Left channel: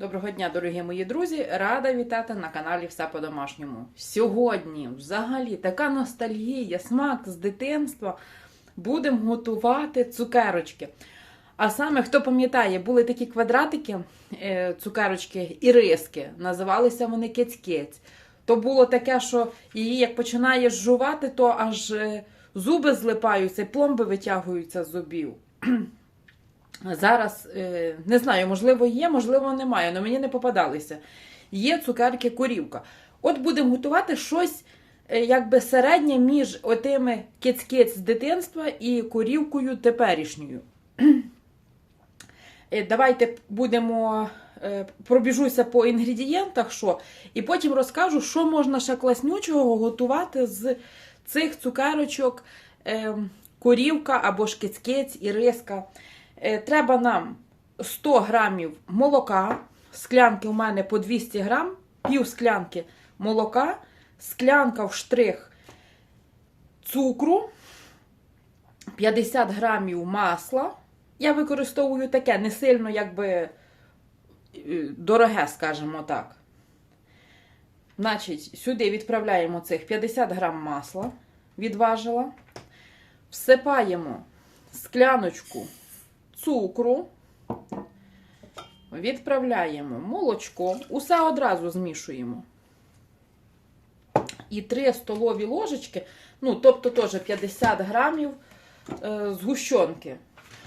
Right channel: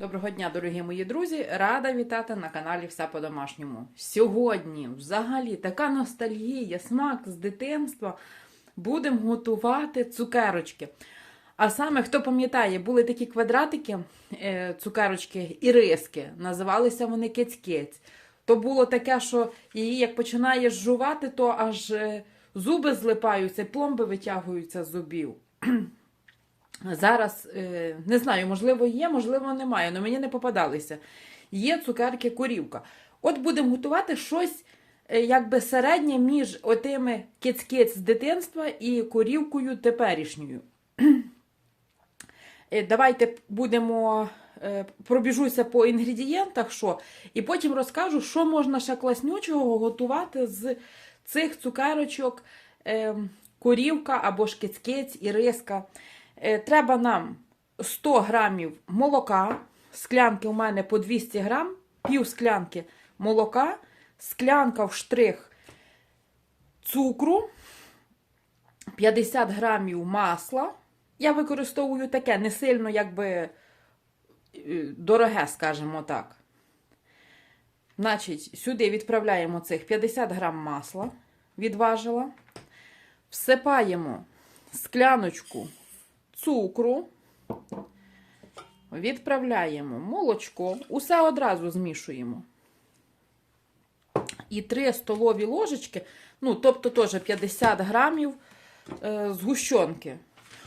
Доброго дня, дорогі мої друзі! Рада вітати на каналі Все по-домашньому. Сьогодні взагалі така ностальгія, смак з дитинства. Будемо готувати цукерочки. А саме, хто пам'ятає, були такі квадратики, е, цукерочки і риски. Називалися вони кець-кець. То було таке, що її як починаєш жувати, то аж е, зуби злипаються, пломби витягуються з зубів. Зараз е, не знаю, можливо, є, можливо, немає, але мені не попадалися. Є цукерки корівка. От будемо готувати щось е, якби середнє між отими кець-кець з дитинства і корівкою теперішньою. Е, Давайте будемо пробіжуся по інгредієнтах, що, і потім розкажу, що можна ще класнючого готувати з цих цукерочок е, корівка або ж кець-кець і риска. Е, Треба нам 100 грамів молока, склянки у мене по 200 грам, пів склянки молока, склянка в штрих цукру, 50 грамів масла. Я використовую таке не сильно, якби е, дороге, скажімо так. Значить, сюди відправляємо цих 50 грам масла, відважила. Всипаємо скляночку цукру, відправляємо молочко, усе одразу змішуємо. І 3 столові ложечки, ну, тобто теж 50 грамів е, згущенки.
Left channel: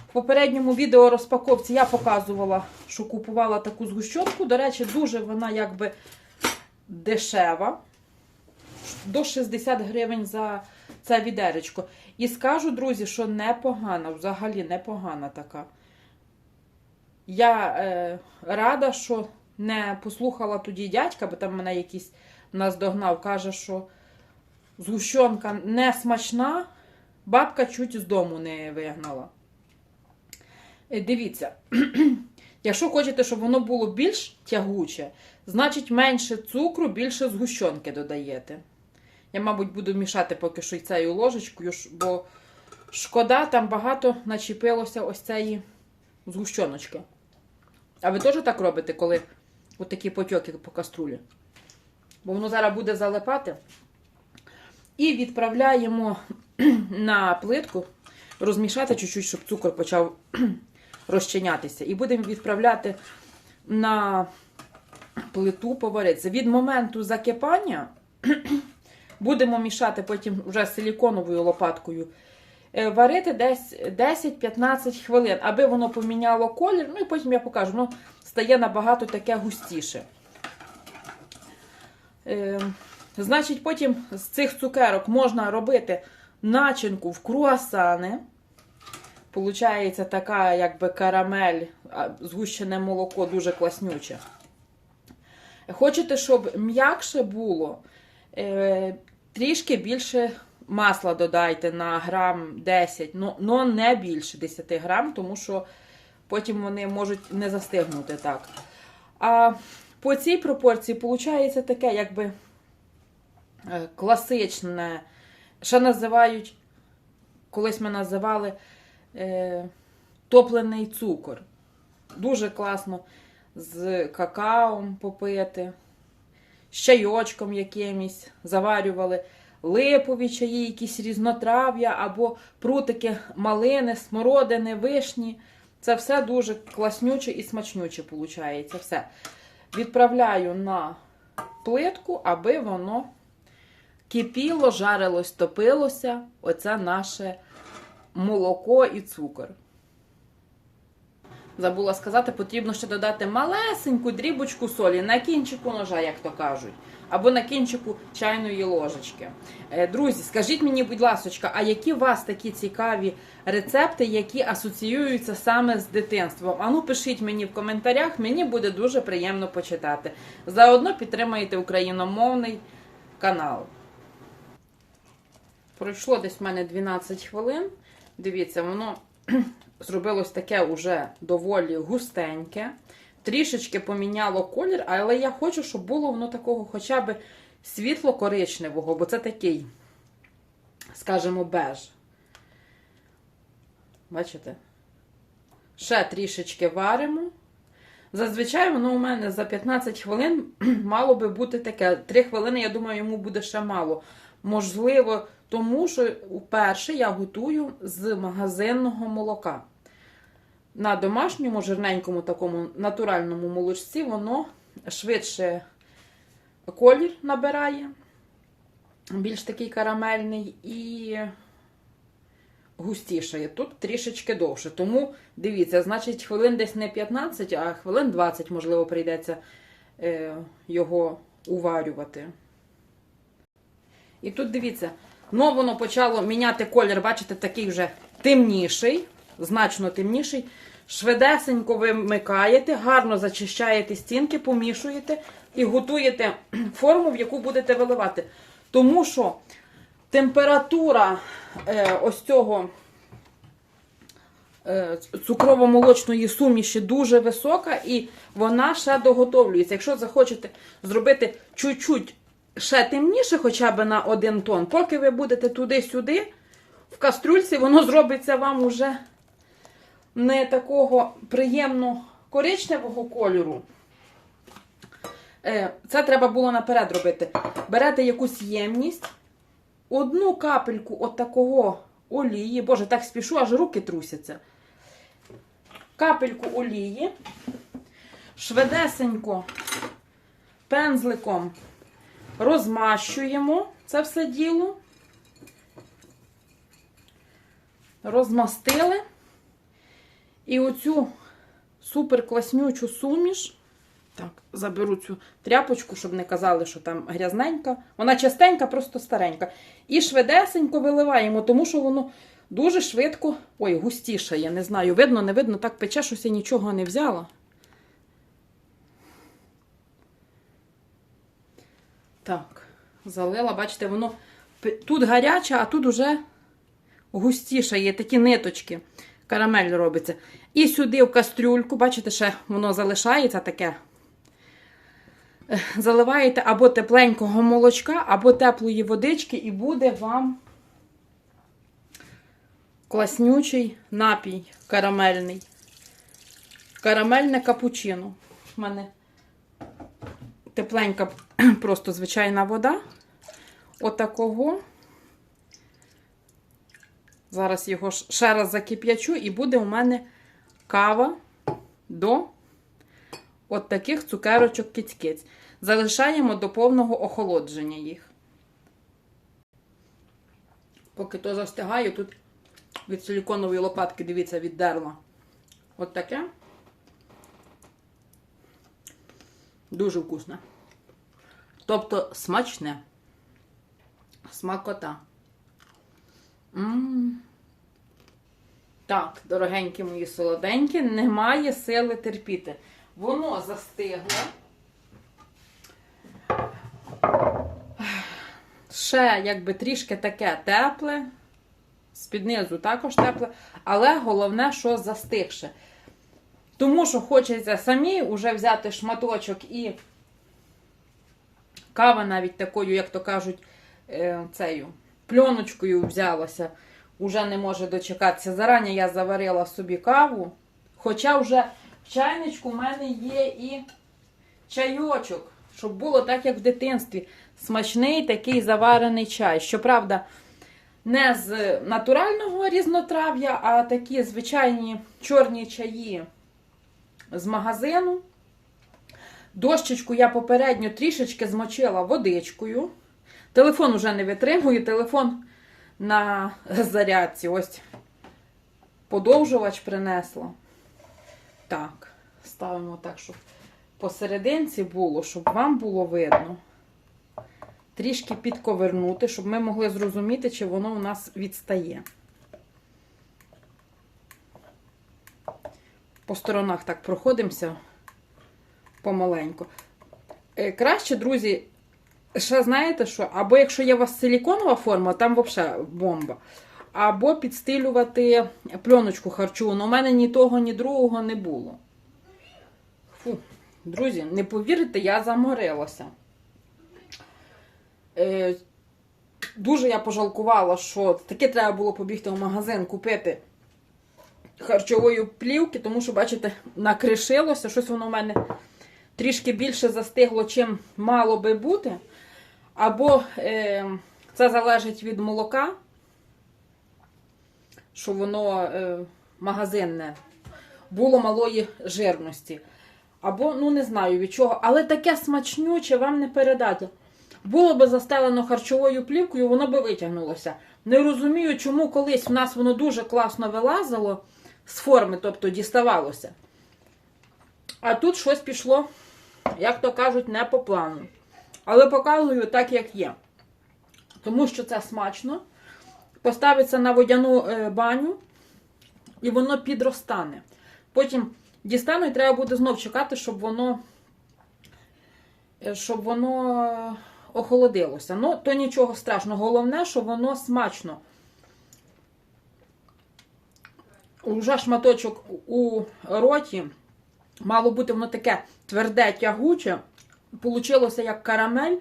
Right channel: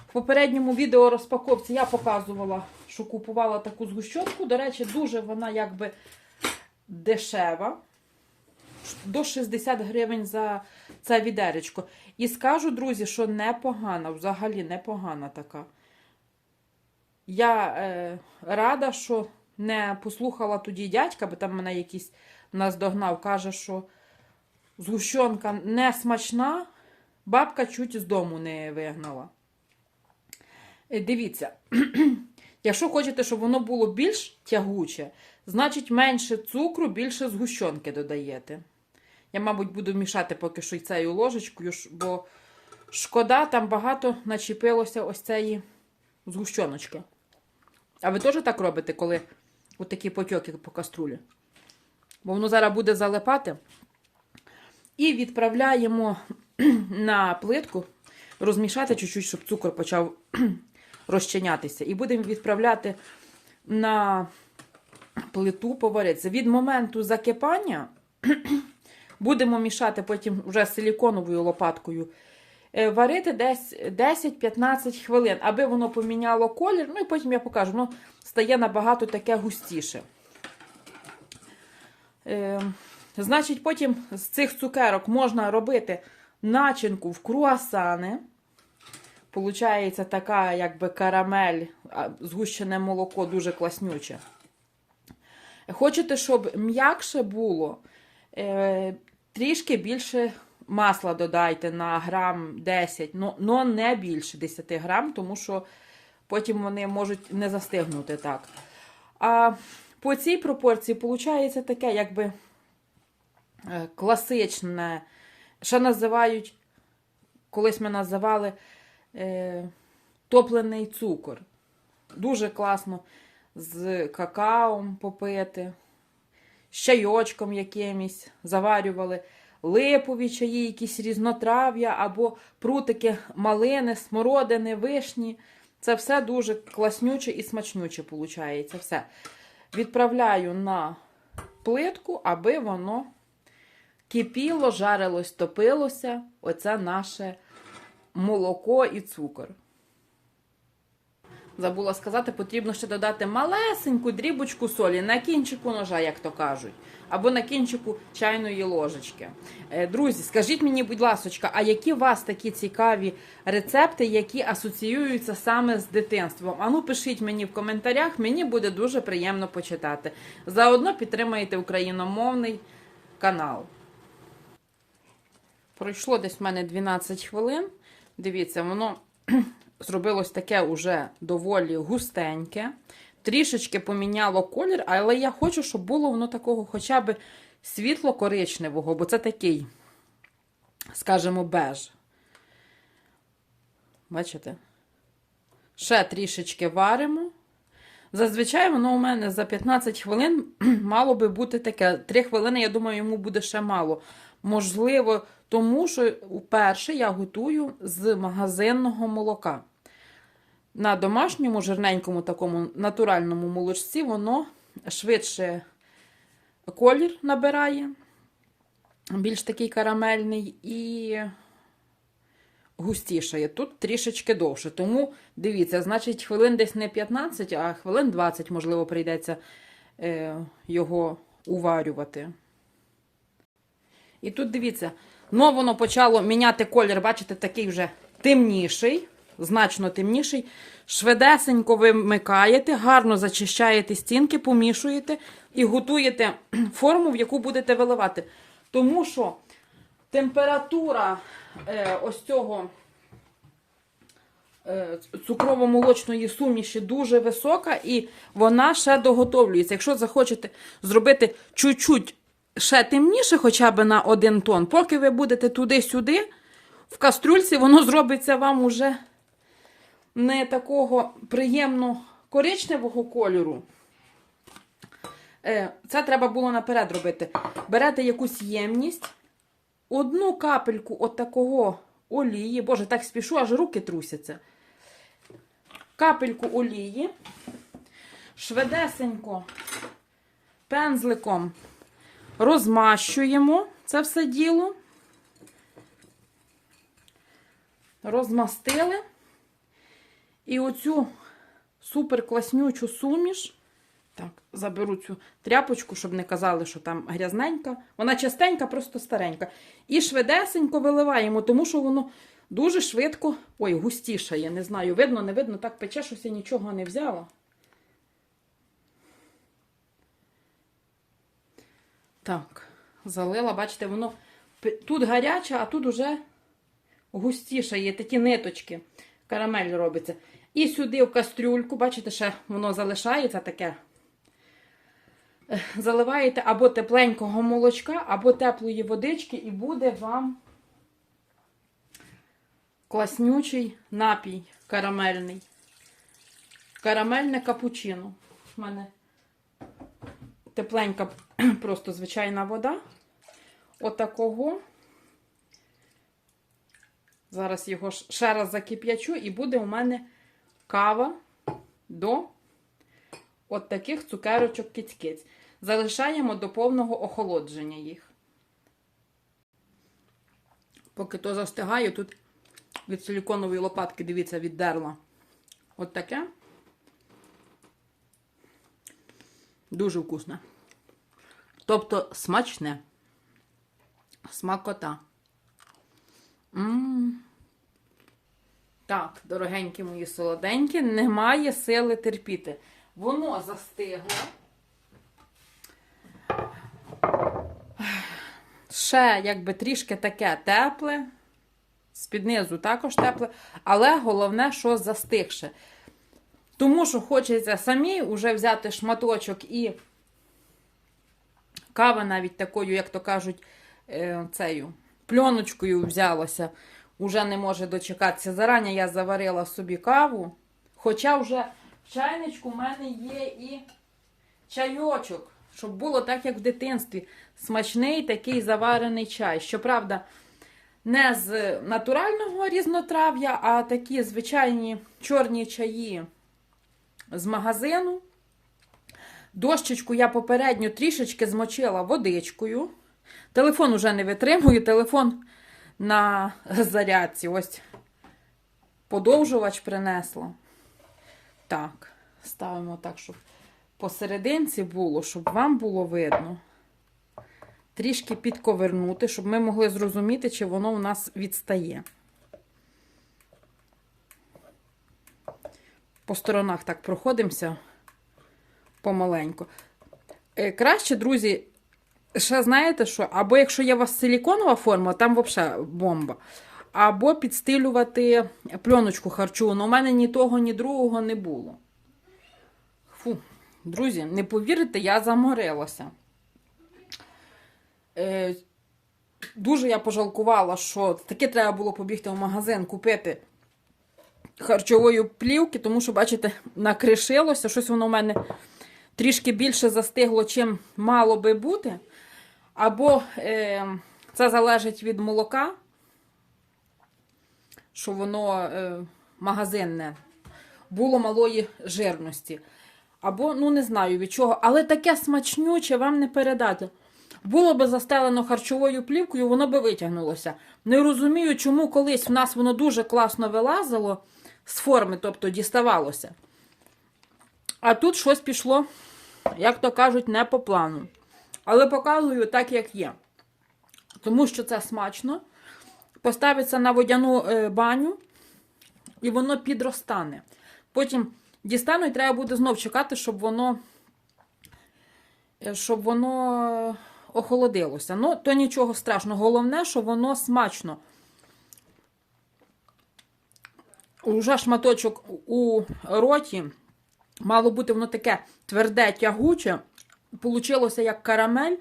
В попередньому відео розпаковці я показувала, що купувала таку згущенку. До речі, дуже вона якби дешева. До 60 гривень за це відеречко. І скажу, друзі, що непогана, взагалі непогана така. Я е, рада, що не послухала тоді дядька, бо там мене якийсь наздогнав, каже, що згущенка не смачна, бабка чуть з дому не вигнала. Е, Дивіться, якщо хочете, щоб воно було більш тягуче, значить менше цукру, більше згущенки додаєте. Я, мабуть, буду мішати поки що цією ложечкою, бо шкода, там багато начепилося ось цієї згущеночки. А ви теж так робите, коли отакі потьоки по каструлі? Бо воно зараз буде залипати. І відправляємо на плитку, розмішати чуть-чуть, щоб цукор почав розчинятися. І будемо відправляти на плиту поваритися. Від моменту закипання будемо мішати потім вже силіконовою лопаткою. е, Варити десь 10-15 хвилин, аби воно поміняло колір. Ну і потім я покажу, ну, стає набагато таке густіше. Е, значить, потім з цих цукерок можна робити начинку в круасани. Получається така, якби карамель, згущене молоко дуже класнюче. Хочете, щоб м'якше було, е, трішки більше масла додайте на грам 10, ну, не більше 10 грам, тому що потім вони можуть не застигнути так. А по цій пропорції виходить таке, якби е, класичне, що називають, колись ми називали е, топлений цукор. Дуже класно з какаом попити, з чайочком якимось заварювали, липові чаї, якісь різнотрав'я або прутики малини, смородини, вишні. Це все дуже класнюче і смачнюче виходить. Все. Відправляю на плитку, аби воно кипіло, жарилось, топилося. Оце наше молоко і цукор. Забула сказати, потрібно ще додати малесеньку дрібочку солі на кінчику ножа, як то кажуть, або на кінчику чайної ложечки. Е, Друзі, скажіть мені, будь ласка, а які у вас такі цікаві рецепти, які асоціюються саме з дитинством? Ану, пишіть мені в коментарях, мені буде дуже приємно почитати. Заодно підтримайте україномовний канал. Пройшло десь в мене 12 хвилин. Дивіться, воно зробилось таке уже доволі густеньке. Трішечки поміняло колір, але я хочу, щоб було воно такого хоча б світло-коричневого, бо це такий, скажімо, беж. Бачите? Ще трішечки варимо. Зазвичай воно у мене за 15 хвилин мало би бути таке. 3 хвилини, я думаю, йому буде ще мало. Можливо, тому що вперше я готую з магазинного молока. На домашньому жирненькому такому натуральному молочці воно швидше колір набирає, більш такий карамельний і густішає. Тут трішечки довше. Тому дивіться, значить, хвилин десь не 15, а хвилин 20, можливо, прийдеться е, його уварювати. І тут дивіться, ну воно почало міняти колір, бачите, такий вже темніший, значно темніший. Швидесенько вимикаєте, гарно зачищаєте стінки, помішуєте і готуєте форму, в яку будете виливати. Тому що температура е, ось цього е, цукрово-молочної суміші дуже висока, і вона ще доготовлюється. Якщо захочете зробити чуть-чуть ще темніше, хоча б на один тон, поки ви будете туди-сюди, в кастрюльці воно зробиться вам уже не такого приємно коричневого кольору. Е, Це треба було наперед робити. Берете якусь ємність, одну капельку от такого олії, боже, так спішу, аж руки трусяться. Капельку олії, швидесенько пензликом розмащуємо це все діло. Розмастили. І оцю супер класнючу суміш. Так, заберу цю тряпочку, щоб не казали, що там грязненька. Вона частенька, просто старенька. І швидесенько виливаємо, тому що воно дуже швидко. Ой, густіше, я не знаю. Видно, не видно, так пече, щось я нічого не взяла. Так, залила, бачите, воно тут гаряче, а тут уже густіше є такі ниточки. Карамель робиться. І сюди в кастрюльку, бачите, ще воно залишається таке. Заливаєте або тепленького молочка, або теплої водички, і буде вам класнючий напій карамельний. Карамельне капучино. У мене тепленька, просто звичайна вода. Отакого. Зараз його ще раз закип'ячу, і буде у мене кава до от таких цукерочок кіць-киць. Залишаємо до повного охолодження їх. Поки то застигаю, тут від силіконової лопатки, дивіться, віддерла. От таке. Дуже вкусне. Тобто смачне. Смакота. М. Так, дорогенькі мої солоденькі, немає сили терпіти. Воно застигло. Ще якби трішки таке тепле. З-під також тепле, але головне, що застигше. Тому що хочеться самі вже взяти шматочок і кава навіть такою, як то кажуть, е, цею пленочкою взялася, уже не може дочекатися. Зарані я заварила собі каву. Хоча вже в чайничку в мене є і чайочок, щоб було так, як в дитинстві. Смачний такий заварений чай. Щоправда, не з натурального різнотрав'я, а такі звичайні чорні чаї з магазину. Дощечку я попередньо трішечки змочила водичкою. Телефон уже не витримує, телефон на зарядці. Ось подовжувач принесла. Так, ставимо так, щоб посерединці було, щоб вам було видно. Трішки підковернути, щоб ми могли зрозуміти, чи воно у нас відстає. По сторонах так проходимося помаленьку. Е, Краще, друзі, ще знаєте що? Або якщо є у вас силіконова форма, там взагалі бомба. Або підстилювати пленочку харчову. Но у мене ні того, ні другого не було. Фу, друзі, не повірите, я заморилася. Е, дуже я пожалкувала, що таки треба було побігти в магазин, купити харчової плівки, тому що, бачите, накришилося, щось воно в мене трішки більше застигло, чим мало би бути. Або е, це залежить від молока, що воно е, магазинне, було малої жирності. Або, ну не знаю від чого, але таке смачнюче вам не передати. Було би застелено харчовою плівкою, воно би витягнулося. Не розумію, чому колись в нас воно дуже класно вилазило з форми, тобто діставалося. А тут щось пішло, як то кажуть, не по плану. Але показую так, як є. Тому що це смачно. Поставиться на водяну е, баню, і воно підростане. Потім дістану, і треба буде знов чекати, щоб воно, е, щоб воно охолодилося. Ну, то нічого страшного. Головне, що воно смачно. Уже шматочок у роті. Мало бути воно таке тверде, тягуче. Получилося як карамель.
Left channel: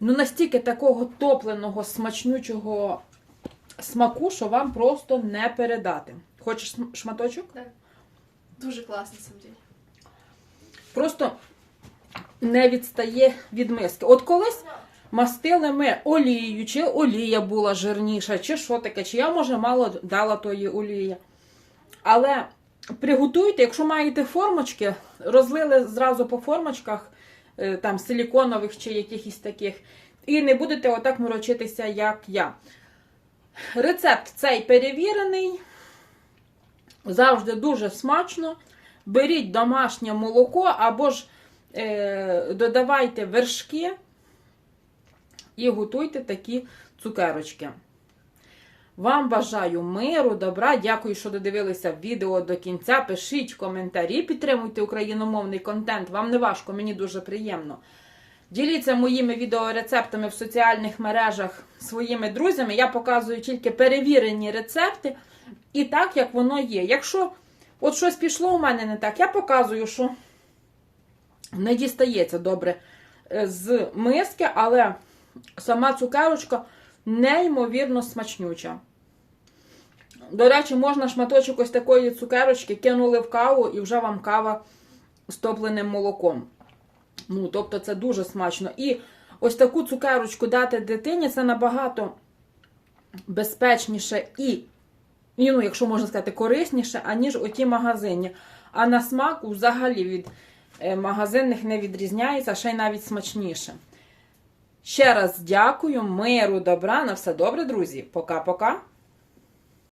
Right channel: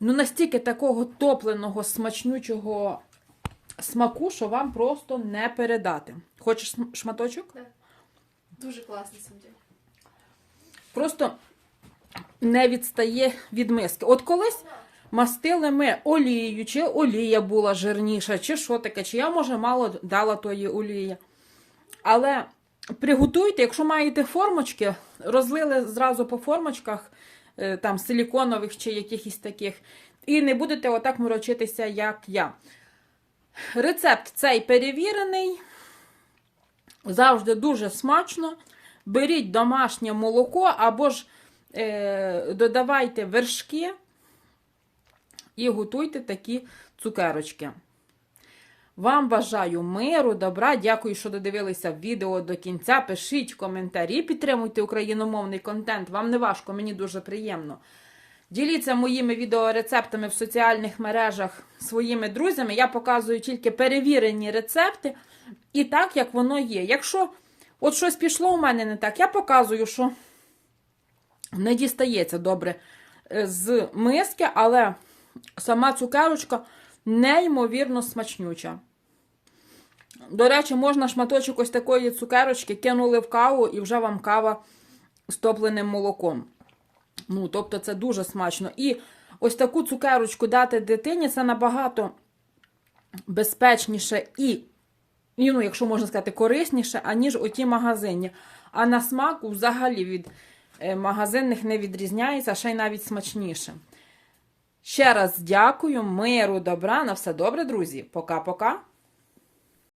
Ну, настільки такого топленого, смачнючого смаку, що вам просто не передати. Хочеш шматочок? Так. Дуже класно сам. Просто не відстає від миски. От колись мастили ми олією, чи олія була жирніша, чи що таке, чи я, може, мало дала тої олії. Але приготуйте, якщо маєте формочки, розлили зразу по формочках, там силіконових чи якихось таких, і не будете отак морочитися, як я. Рецепт цей перевірений, завжди дуже смачно. Беріть домашнє молоко або ж е, додавайте вершки і готуйте такі цукерочки. Вам бажаю миру, добра. Дякую, що додивилися відео до кінця. Пишіть коментарі, підтримуйте україномовний контент. Вам не важко, мені дуже приємно. Діліться моїми відеорецептами в соціальних мережах своїми друзями. Я показую тільки перевірені рецепти і так, як воно є. Якщо от щось пішло у мене не так, я показую, що не дістається добре е, з миски, але сама цукерочка неймовірно смачнюча. До речі, можна шматочок ось такої цукерочки кинули в каву і вже вам кава з топленим молоком. Ну, тобто це дуже смачно. І ось таку цукерочку дати дитині це набагато безпечніше і, ну, якщо можна сказати, корисніше, аніж оті магазинні. А на смак взагалі від е, магазинних не відрізняється, а ще й навіть смачніше. Ще раз дякую, миру, добра, на все добре, друзі. Пока-пока.